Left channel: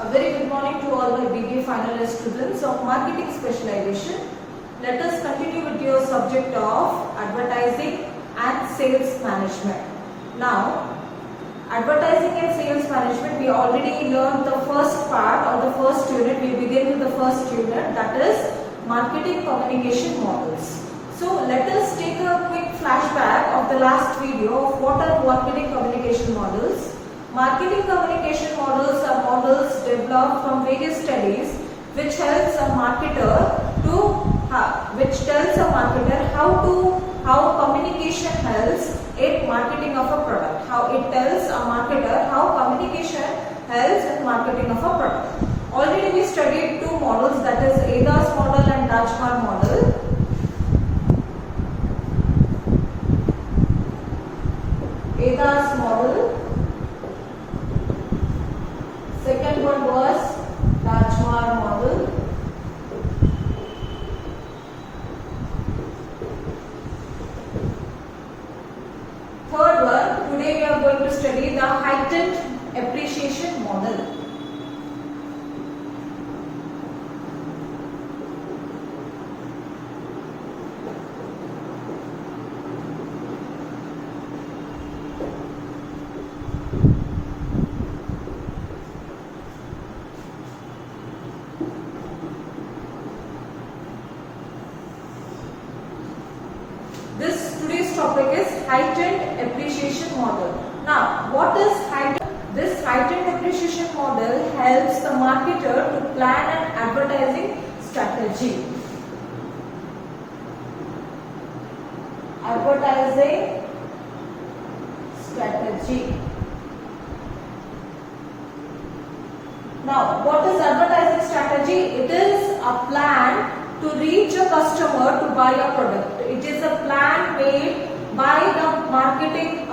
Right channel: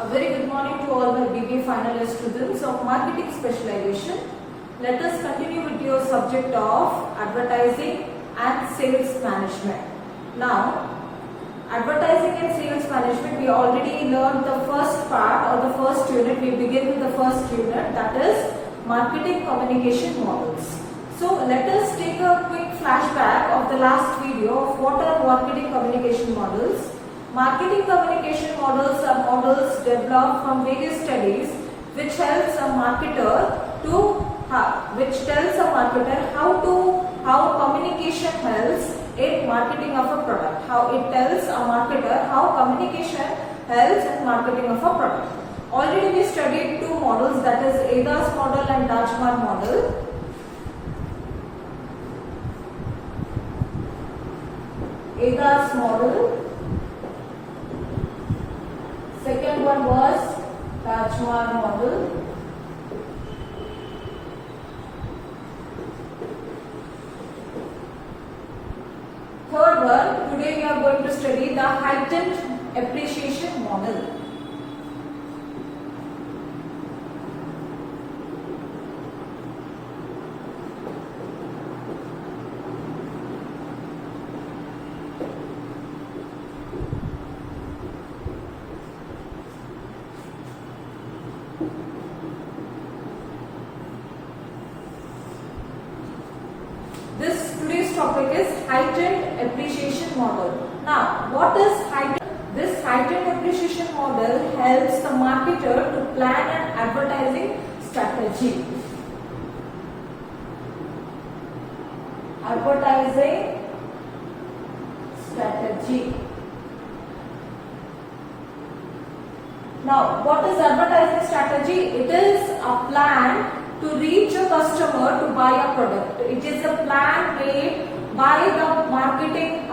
A very good morning to all my BBA finalist students of marketing specialization. Let us continue with your subject of advertising and sales management. Now, advertising and sales management, we already learned the first part or the first unit. We begin with the first unit, that is marketing communication models. So let us take a quick flashback of the last video of what are marketing communication models. Marketing communication models are models developed from various studies which helps a marketer to which tells a marketer how communication helps in marketing of a product. How it tells a marketer how communication helps in marketing of a product. Already we studied two models, that is ADAS model and Dashmar model. ADAS model. Second one was Dashmar model. Third one, today we are going to study the heightened appreciation model. Today's topic is heightened appreciation model. Now, what is heightened? This heightened appreciation model helps the marketer to plan an advertising strategy. Advertising strategy. Now, what is advertising strategy? It is a plan to reach a customer to buy a product. It is a plan made by the marketing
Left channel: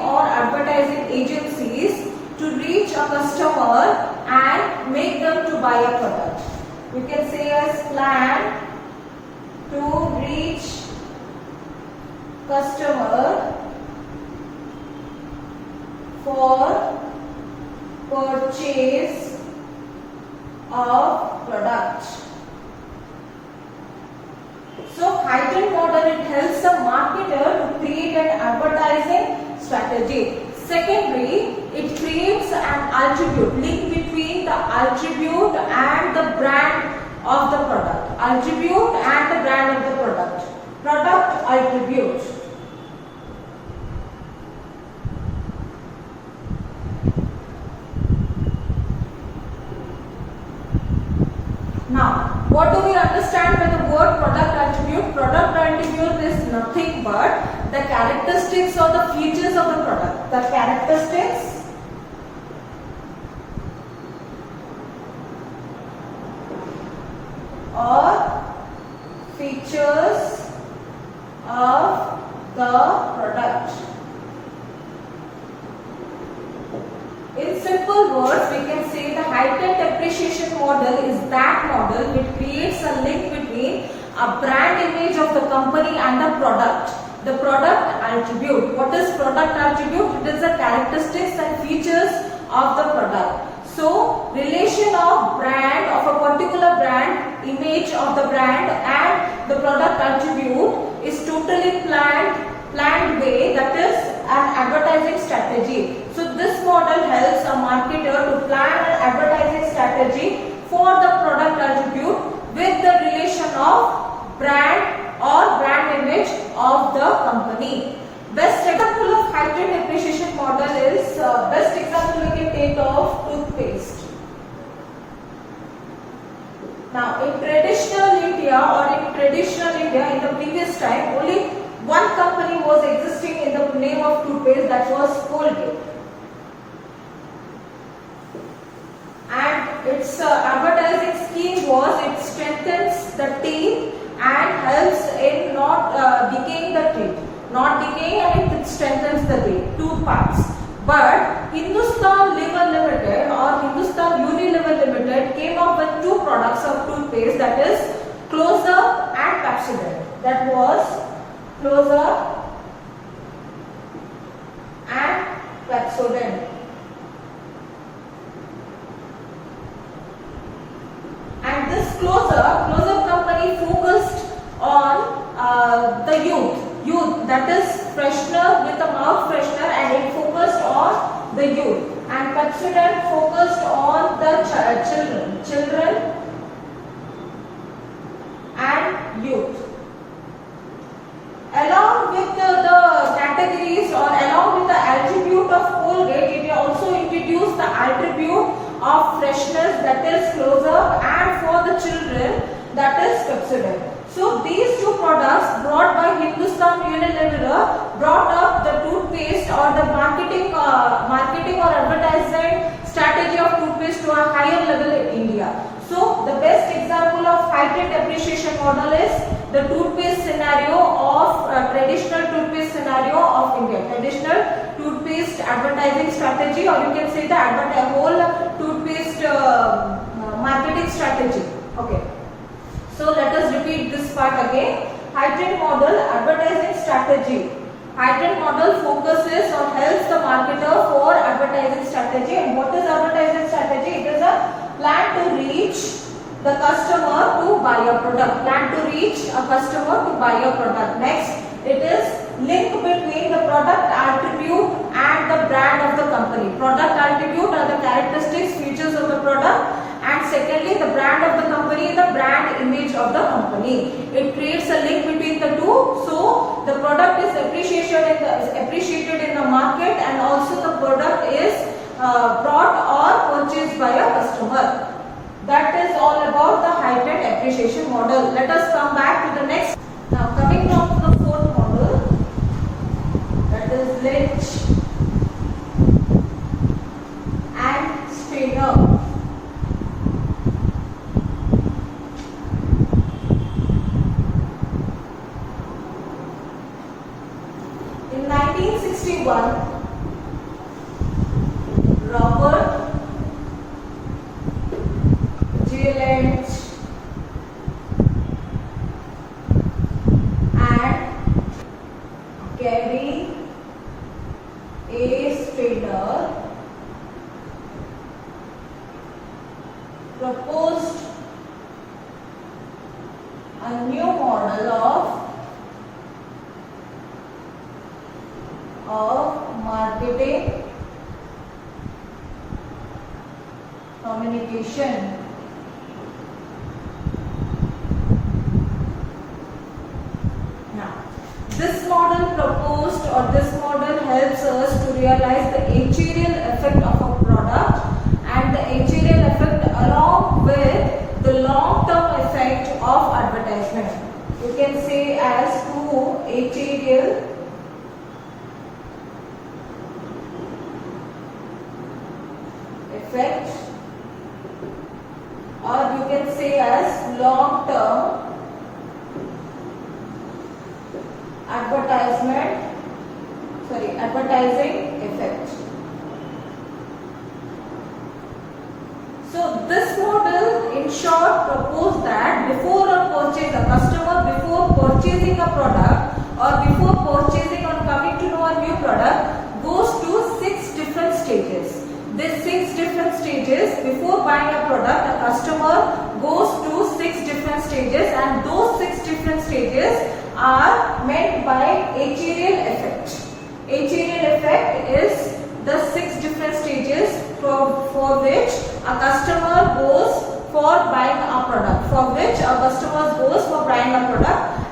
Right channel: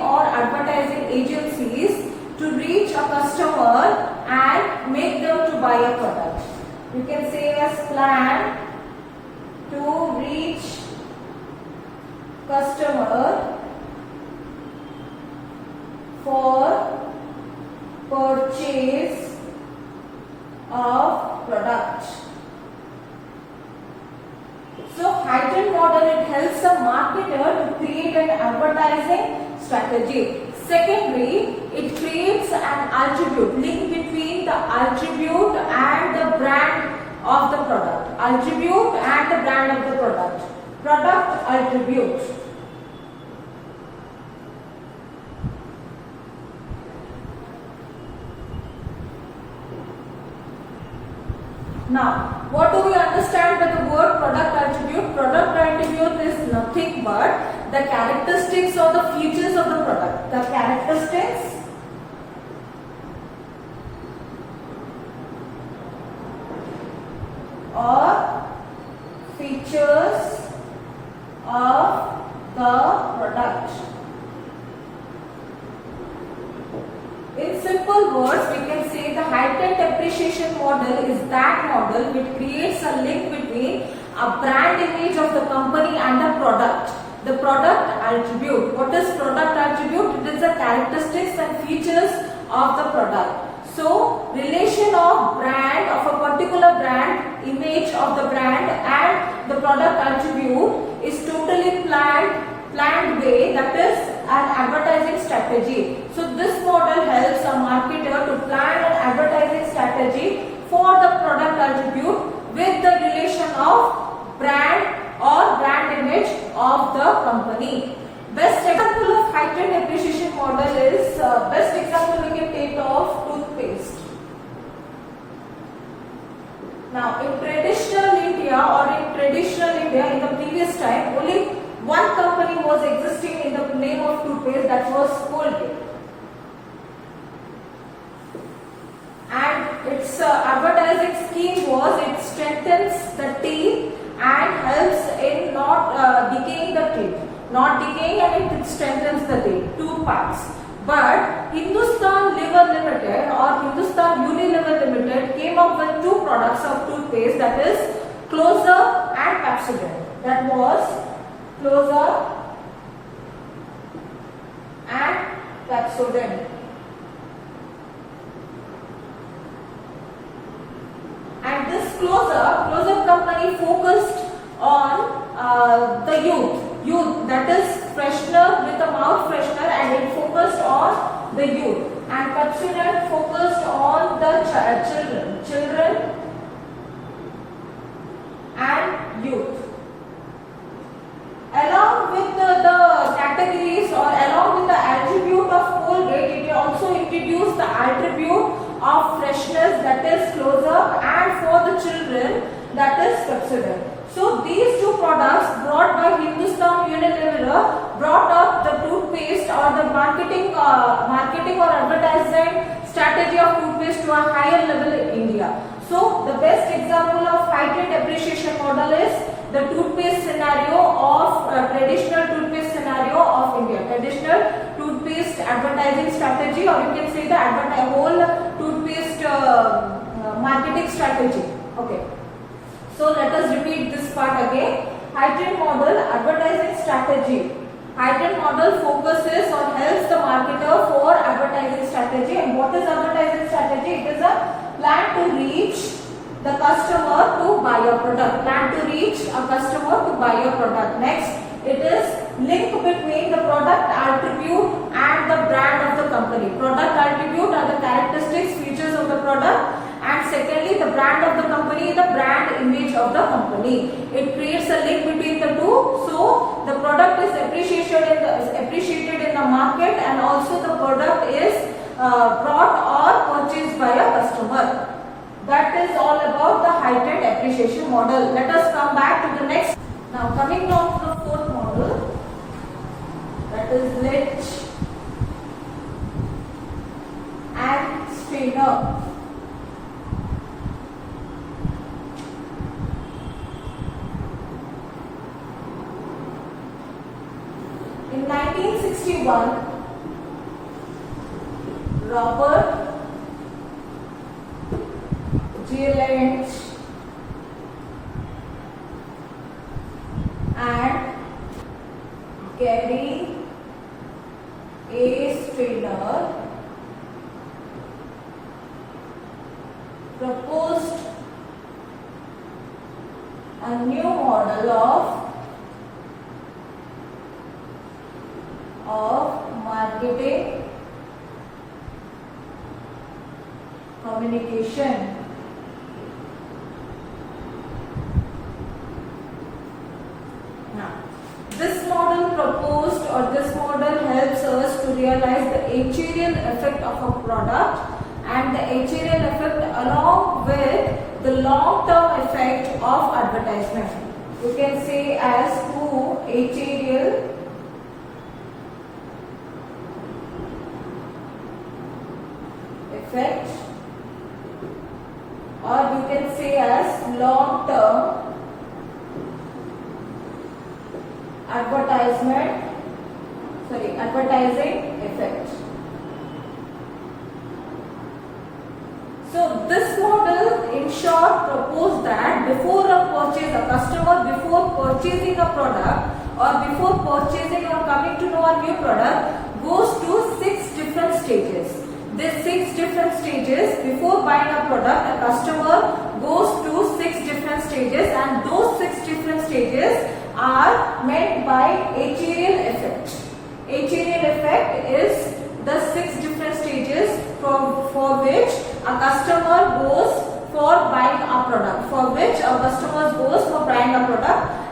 or advertising agencies to reach a customer and make them to buy a product. You can say as plan to reach customer for purchase of product. So, heightened model, it helps the marketer to create an advertising strategy. Secondly, it creates an attribute, link between the attribute and the brand of the product. Attribute and the brand of the product. Product attribute. Now, what do we understand by the word product attribute? Product attribute is nothing but the characteristics or the features of the product. The characteristics or features of the product. In simple words, we can say the heightened appreciation model is that model which creates a link between a brand image of the company and the product. The product attribute. What is product attribute? It is the characteristics and features of the product. So, relation of brand, of a particular brand, image of the brand and the product attribute is totally planned way, that is an advertising strategy. So this model helps a marketer to plan an advertising strategy for the product attribute with the relation of brand or brand image of the company. Best example of heightened appreciation model is, best example we can take of toothpaste. Now in traditional India in the previous time, only one company was existing in the name of toothpaste, that was Colgate. And its advertising scheme was it strengthens the teeth and helps in not decaying the teeth. Not decaying, and it strengthens the tooth parts. But Hindustan Liver Limited or Hindustan Unilever Limited came up with two products of toothpaste, that is Closeup and Pepsodent. That was Closeup and Pepsodent. Close Up company focused on the youth, that is freshener with a mouth freshener, and it focused on the youth. And Pepsodent focused on the children and youth. Along with the categories or along with the attribute of Colgate, it also introduced the attribute of freshness, that is Close Up, and for the children, that is Pepsodent. So these two products brought by Hindustan Unilever brought up the toothpaste or the marketing or advertising strategy of toothpaste to a higher level in India. So the best example of heightened appreciation model is the toothpaste scenario of traditional toothpaste scenario of India. Traditional toothpaste advertising strategy, or you can say the whole toothpaste marketing strategy. Okay. So let us repeat this part again. Heightened model advertising strategy. Heightened model focuses or helps the marketer for advertising strategy. And what is advertising strategy? It is a plan to reach the customer to buy a product. Plan to reach a customer to buy a product. Next, it is link between the product attribute and the brand of the company. Product attribute are the characteristics, features of the product, and secondly, the brand of the company, the brand image of the company. It creates a link between the two, so the product is appreciated in the market, and also the product is brought or purchased by a customer. That is all about the heightened appreciation model. Let us come back to the next. Now coming down to the fourth model, that is Lynch and Strainer. In 1961, Robert J. Lynch and Gary A. Strainer proposed a new model of marketing communication. This model proposed, or this model helps us to realize the actuarial effect of a product and the actuarial effect along with the long-term effect of advertisement. You can say as two actuarial effect, or you can say as long-term advertising effect. So this model in short proposed that before a customer before purchasing a product or before purchasing or coming to know a new product goes to 6 different stages. These 6 different stages, before buying a product, a customer goes to 6 different stages, and those 6 different stages are meant by actuarial effect. Actuarial effect is the 6 different stages for which a customer goes for buying a product,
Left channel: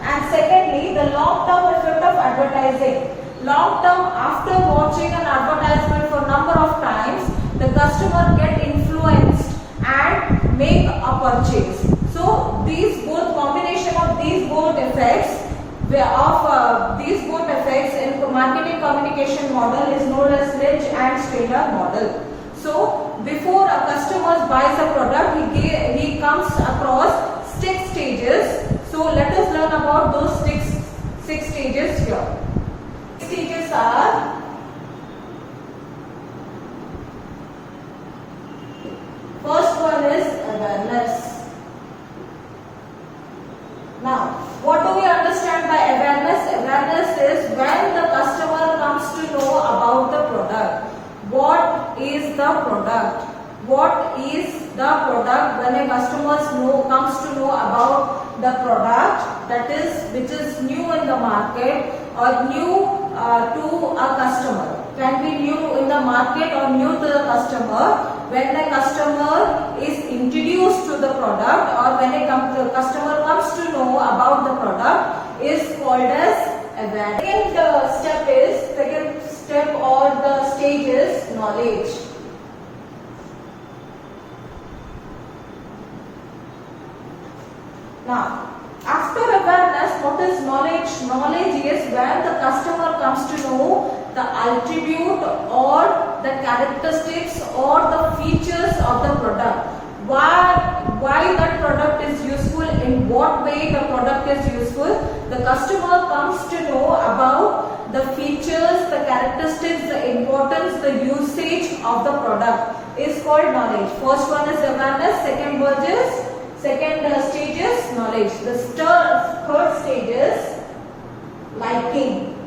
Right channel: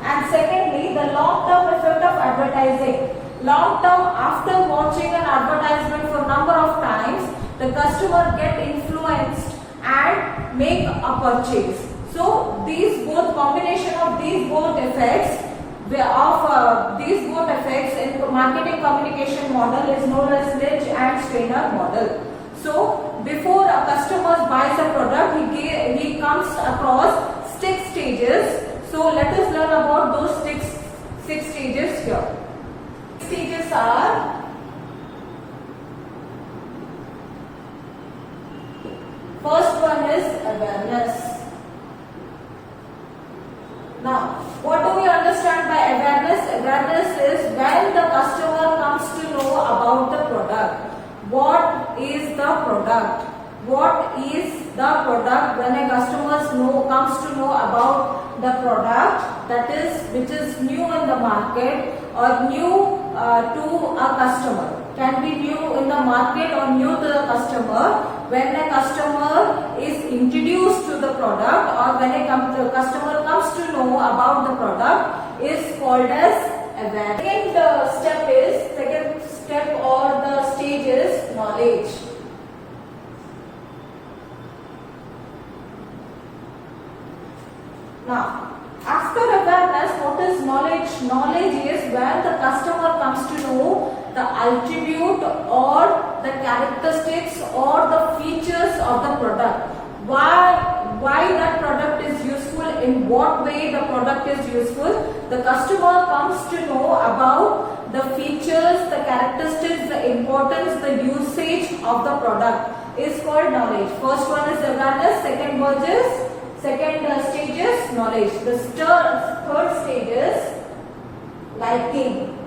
and secondly, the long-term effect of advertising. Long-term, after watching an advertisement for number of times, the customer get influenced and make a purchase. So these both combination of these both effects in marketing communication model is known as Lynch and Strainer model. So before a customer buys a product, he comes across 6 stages. So let us learn about those six stages here. Stages are: first one is awareness. Now, what do we understand by awareness? Awareness is when the customer comes to know about the product. What is the product? what is the product when a customer comes to know about the product that is which is new in the market or new to a customer. Can be new in the market or new to the customer. When the customer is introduced to the product or when the customer comes to know about the product is called as awareness. Second step or the stage is knowledge. Now, after awareness, what is knowledge? Knowledge is when the customer comes to know the attribute or the characteristics or the features of the product. Why that product is useful, in what way the product is useful. The customer comes to know about the features, the characteristics, the importance, the usage of the product is called knowledge. First one is awareness, second stage is knowledge. The third stage is liking.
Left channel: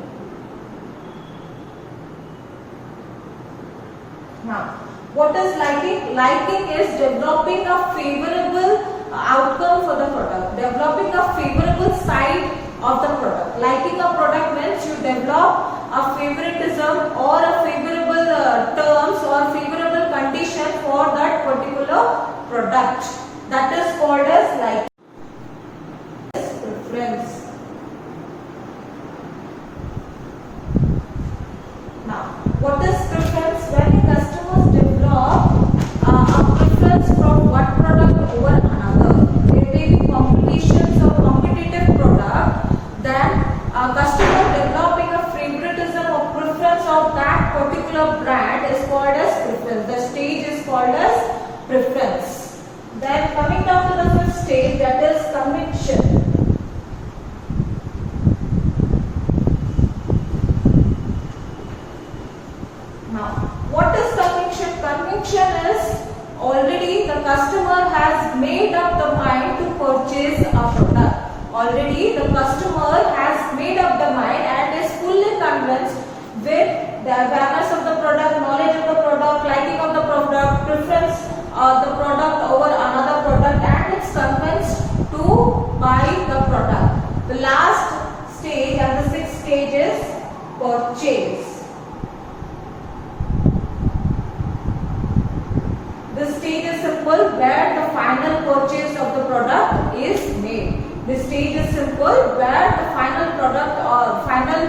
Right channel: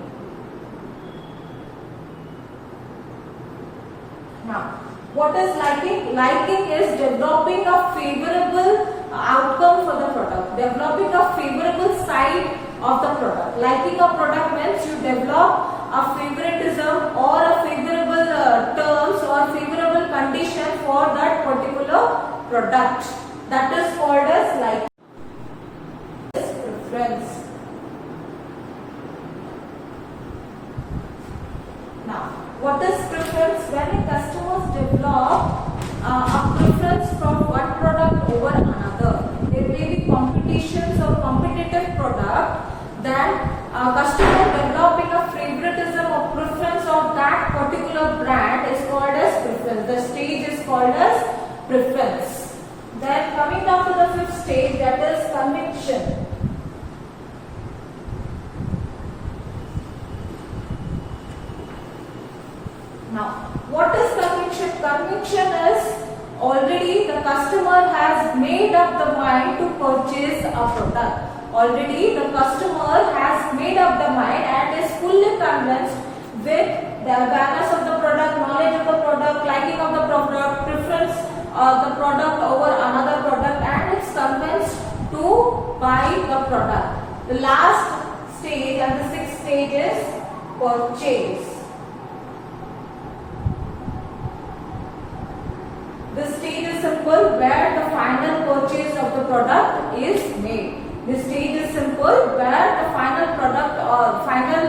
Now, what is liking? Liking is developing a favorable outcome for the product, developing a favorable side of the product. Liking a product means you develop a favoritism or a favorable terms or favorable condition for that particular product. That is called as liking. Preference. Now, what is preference? When customers develop a preference from one product over another, there may be competitions or competitive product, then a customer developing a favoritism or preference of that particular brand is called as preference. The stage is called as preference. Then coming down to the fifth stage, that is conviction. Now, what is conviction? Conviction is already the customer has made up the mind to purchase a product. Already the customer has made up the mind and is fully convinced with the awareness of the product, knowledge of the product, liking of the product, preference the product over another product, and it's convinced to buy the product. The last stage and the sixth stage is purchase. This stage is simple, where the final purchase of the product is made. This stage is simple, where the final product or final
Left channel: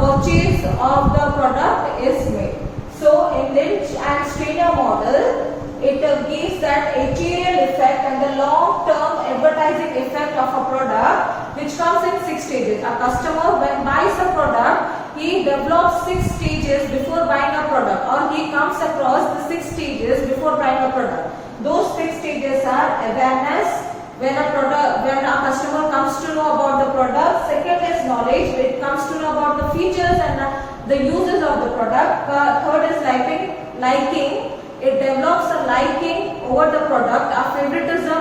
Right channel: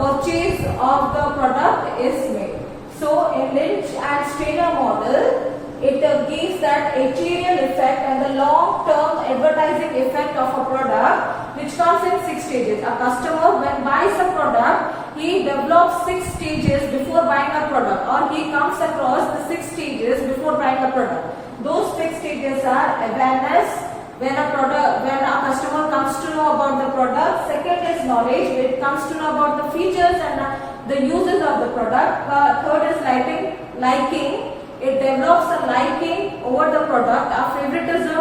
purchase of the product is made. So in Lynch and Strainer model, it gives that actuarial effect and the long-term advertising effect of a product, which comes in 6 stages. A customer, when buys a product, he develops 6 stages before buying a product, or he comes across the 6 stages before buying a product. Those 6 stages are awareness, when a customer comes to know about the product. Second is knowledge, when it comes to know about the features and the uses of the product. Third is liking. It develops a liking over the product. A favoritism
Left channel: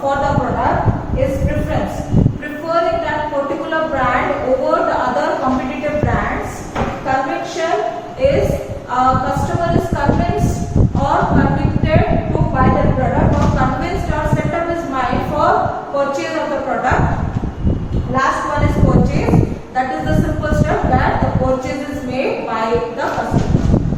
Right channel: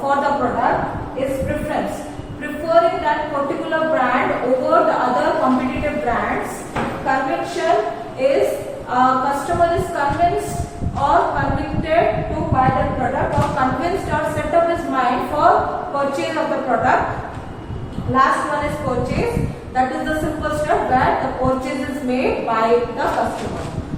for the product is preference, preferring that particular brand over the other competitive brands. Conviction is customer is convinced or convicted to buy that product, or convinced or set up his mind for purchase of the product. Last one is purchase. That is the simple step where the purchase is made by the customer.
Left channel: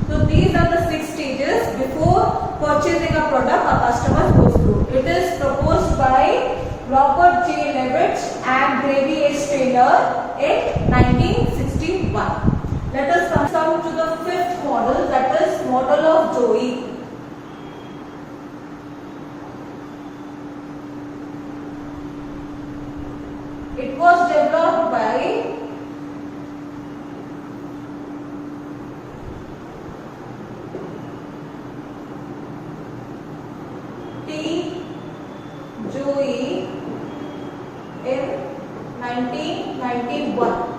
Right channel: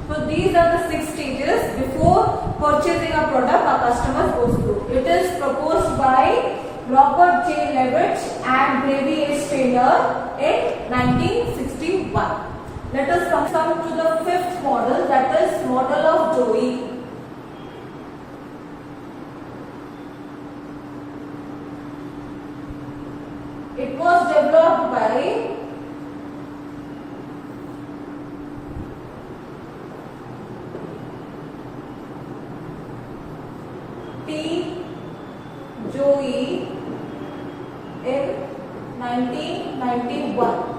So these are the 6 stages before purchasing a product a customer goes through. It is proposed by Robert J. Levitt and Gravy A. Strainer in 1961. Let us come to the fifth model, that is model of Joey. It was developed by T. Joey in 1991.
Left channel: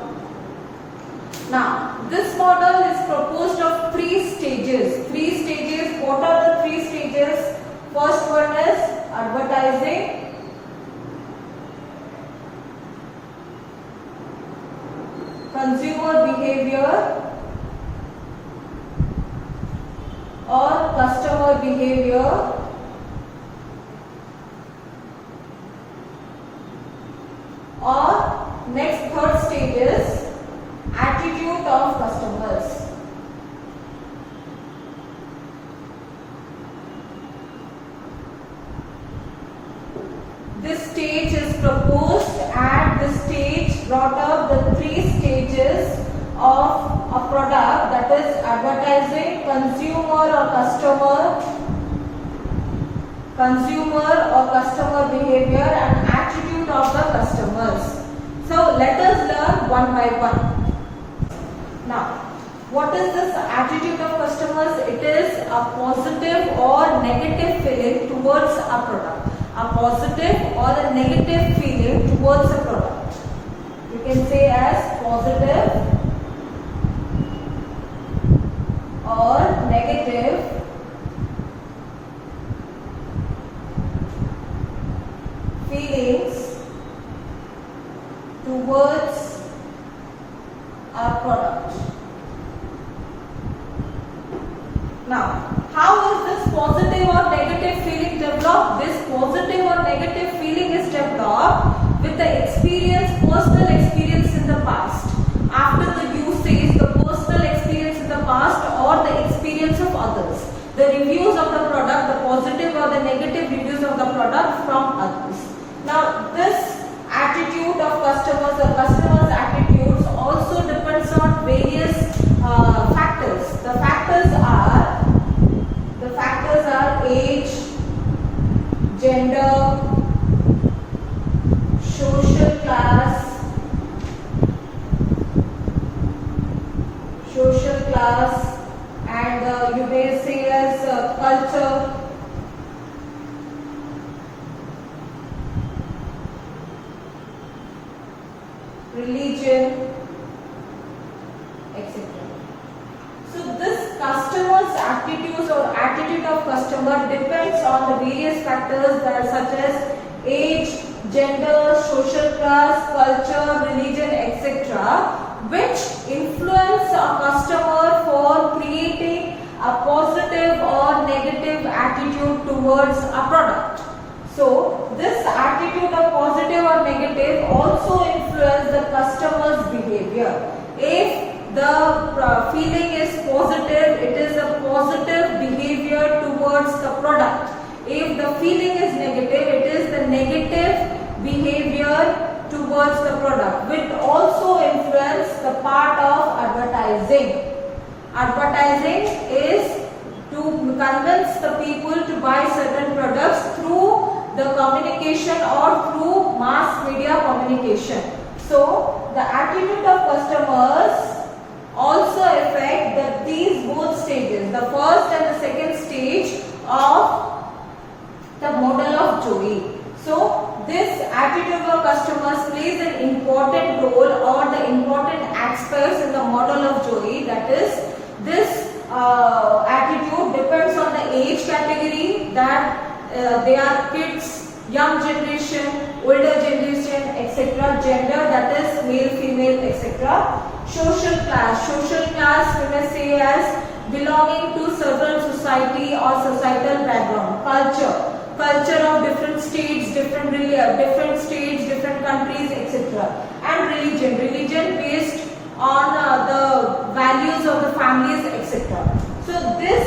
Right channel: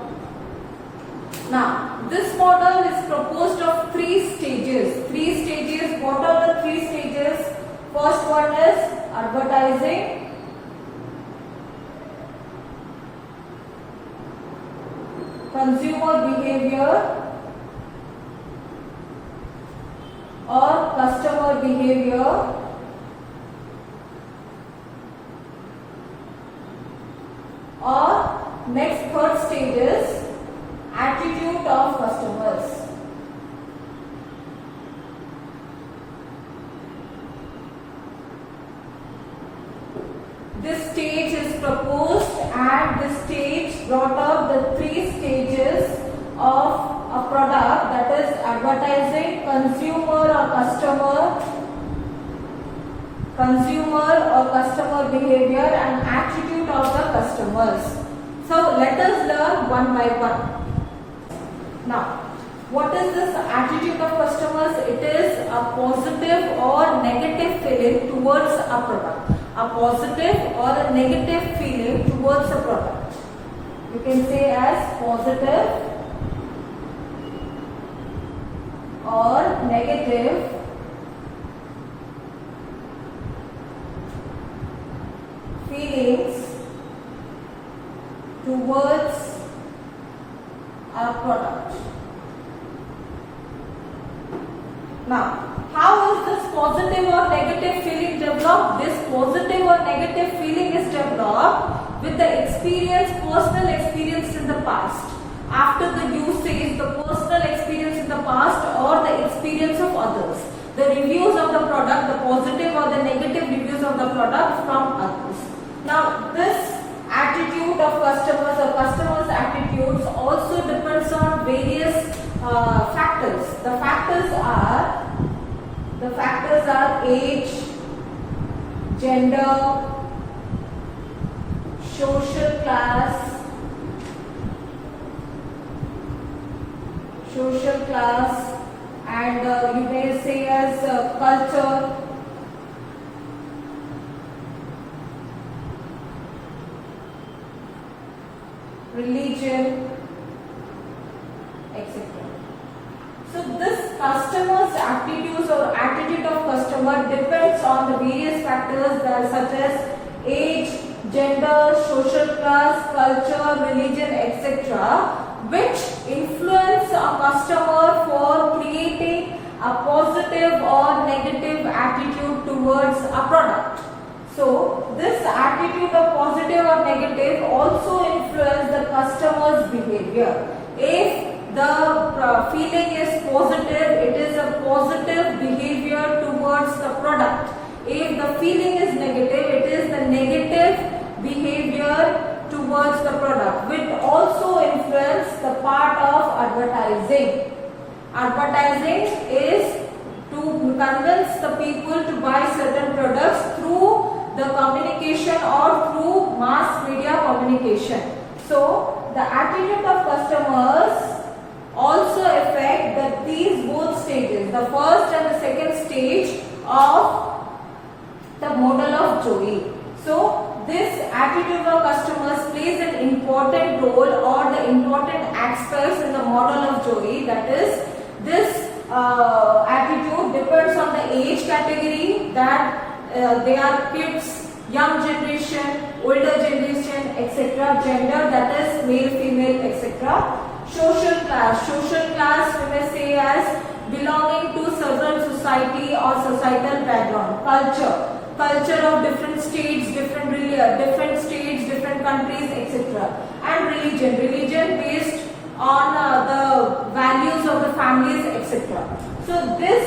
Now, this model is proposed of 3 stages. 3 stages. What are the 3 stages? First one is advertising. Consumer behavior or customer behavior. behavior or next third stage is attitude of customers. This stage is proposed and this stage brought up the three stages of a product, that is advertising, consumer or customer behavior and attitude of the customers. So let us learn one by one. Now, what is this attitude of customers? It is a positive or negative feeling towards a product. A positive or a negative feeling towards a product. You can say as positive or negative feelings towards a product. Now, how is this positive or negative feeling developed? This positive or negative feeling is developed with the experience, personal experience in the past. After the usage, the personal experience in the past or the experience of others. The reviews of the product, the positive or the negative reviews of the product from others. Now, this attitude of customers or customers' attitudes also depends on various factors. The factors are age, gender, social class, and you may say as culture, religion, etc. So this customer's attitudes or attitude of customer depends on the various factors that such as age, gender, social class, culture, religion, etc., which influence a customer for creating a positive or negative attitude towards a product. So this attitude of positive or negative also influence the customer's behavior. If the feeling is positive, it is a positive behavior towards the product. If the feeling is negative, it is the negative behavior towards the product, which also influence the part of advertising. Advertising is to convince the people to buy certain products through the communication or through mass media communication. So the attitude of customers also affect these both stages, the first and the second stage of the model of Joey. So this attitude of customers plays an important role or the important aspects in the model of Joey. That is, this attitude depends on the age category, that they are kids, young generation, older generation, etc. Gender, that is male, female, etc. Social class we may say as belonging to certain society or societal background. Culture of different states, different states, different countries, etc. And religion based on the values of the families, etc. So this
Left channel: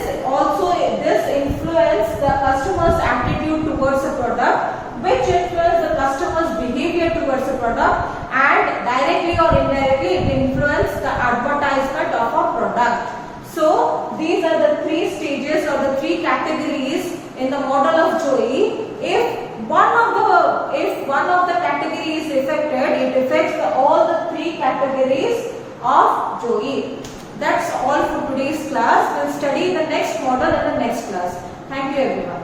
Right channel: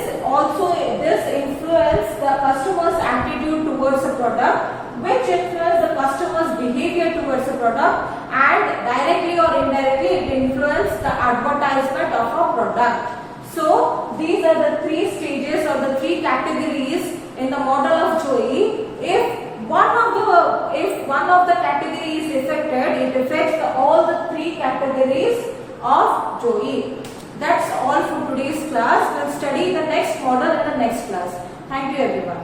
influence the customer's attitude towards a product, which influence the customer's behavior towards a product, and directly or indirectly it influence the advertisement of a product. So these are the three stages or the three categories in the model of Joey. If one of the categories is affected, it affects all the three categories of Joey. That's all for today's class. We'll study the next model in the next class. Thank you everyone.